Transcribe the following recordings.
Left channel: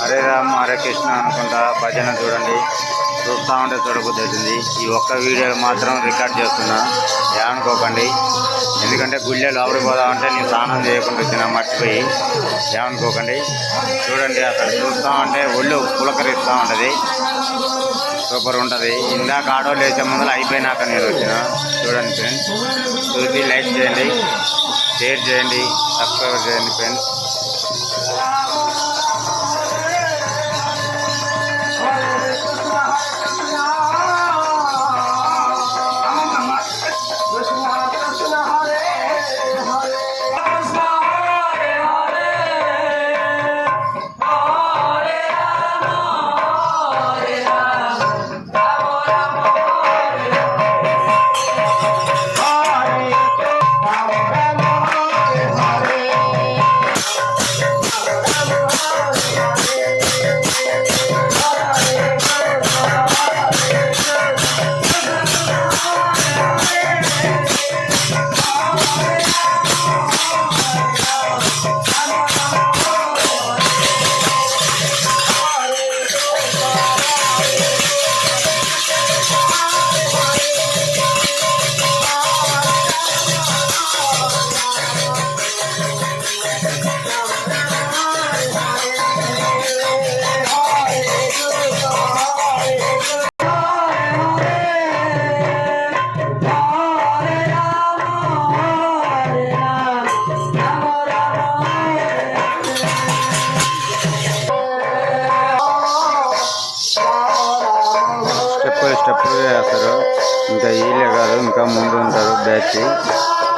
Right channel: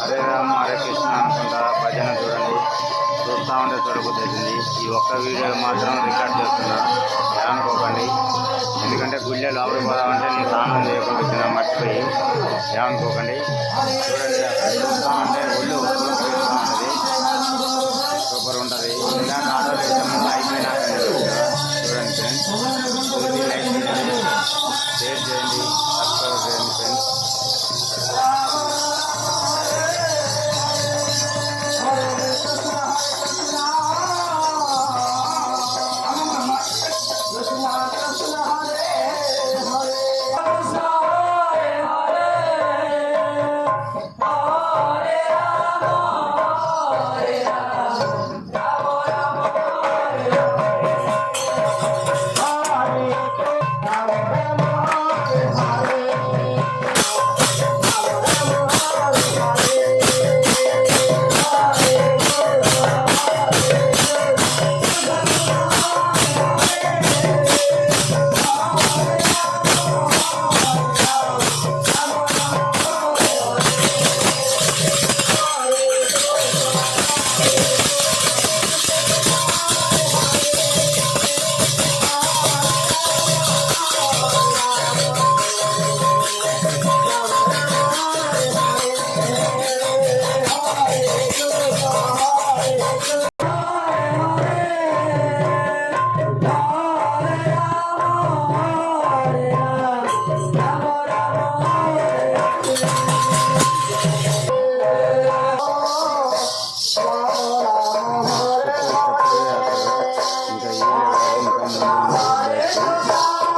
హరే రామ్ హరే కృష్ణ అనుకుంటా భజన చూడండి. చూస్తూ ఉంటే చూడబుద్ధి అవుతుంది. ఈ ఒక్క వీడియో మాత్రం రికార్డ్ చేస్తున్నా, ఏమనుకోకండి. ఎందుకంటే గుళ్ళే లోపలికి పోదామంటే నేను స్నానం చేయకుండా వచ్చినా మర్చిపోయి, ఏమనుకోకండి. చూడండి, అక్కడ చూస్తూ ఉంటే ఒళ్ళు పులకరిస్తూ ఉంటుంది, సూపర్ ఉంటుంది. ఇందాక ఆటోలు వేసే ముందు అయిపోయినాక నేను వచ్చిన. చూడండి ఫ్రెండ్స్, చూసి లైక్ చేయండి, షేర్ చేయండి, సబ్స్క్రైబ్ చేయండి ఫ్రెండ్స్. స్టెప్ వేస్తారు. ఇంకా వీళ్ళే కాదు, ఇంకా ముందు ఉంటారు బ్యాచ్.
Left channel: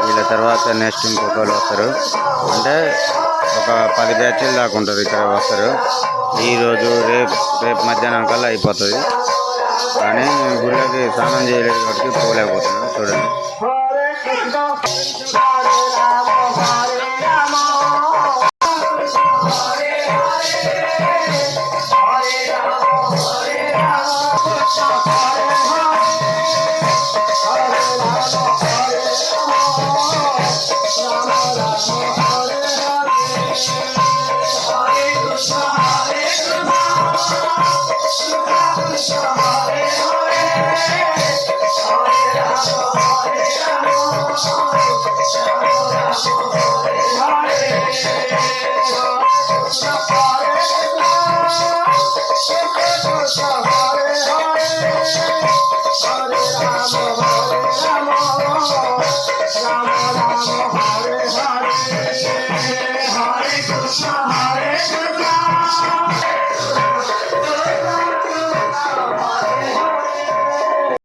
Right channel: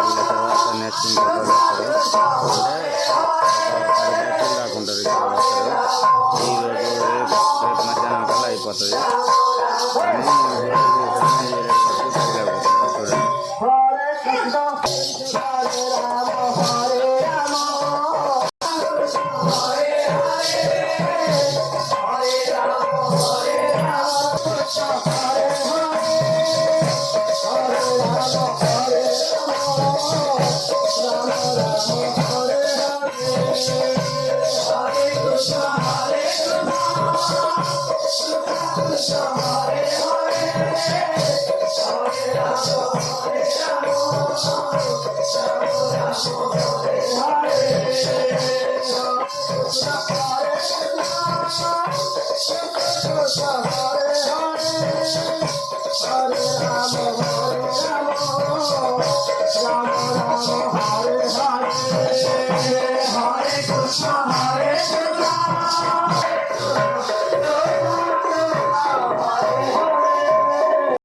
వీళ్ళ తర్వాత నెక్స్ట్ ఇంకొకరు వస్తారు. అంటే ఒక 10 బ్యాచ్లు దాకా ఉంటారు ఇక్కడ వస్తారు. ఈరోజు రేపు మధ్యాహ్నం కల్లా అయిపోతుంది. కానీ గుళ్ళకి స్నానం చేయలేదు కాబట్టి పోలేకపోతున్నాం. చూడండి.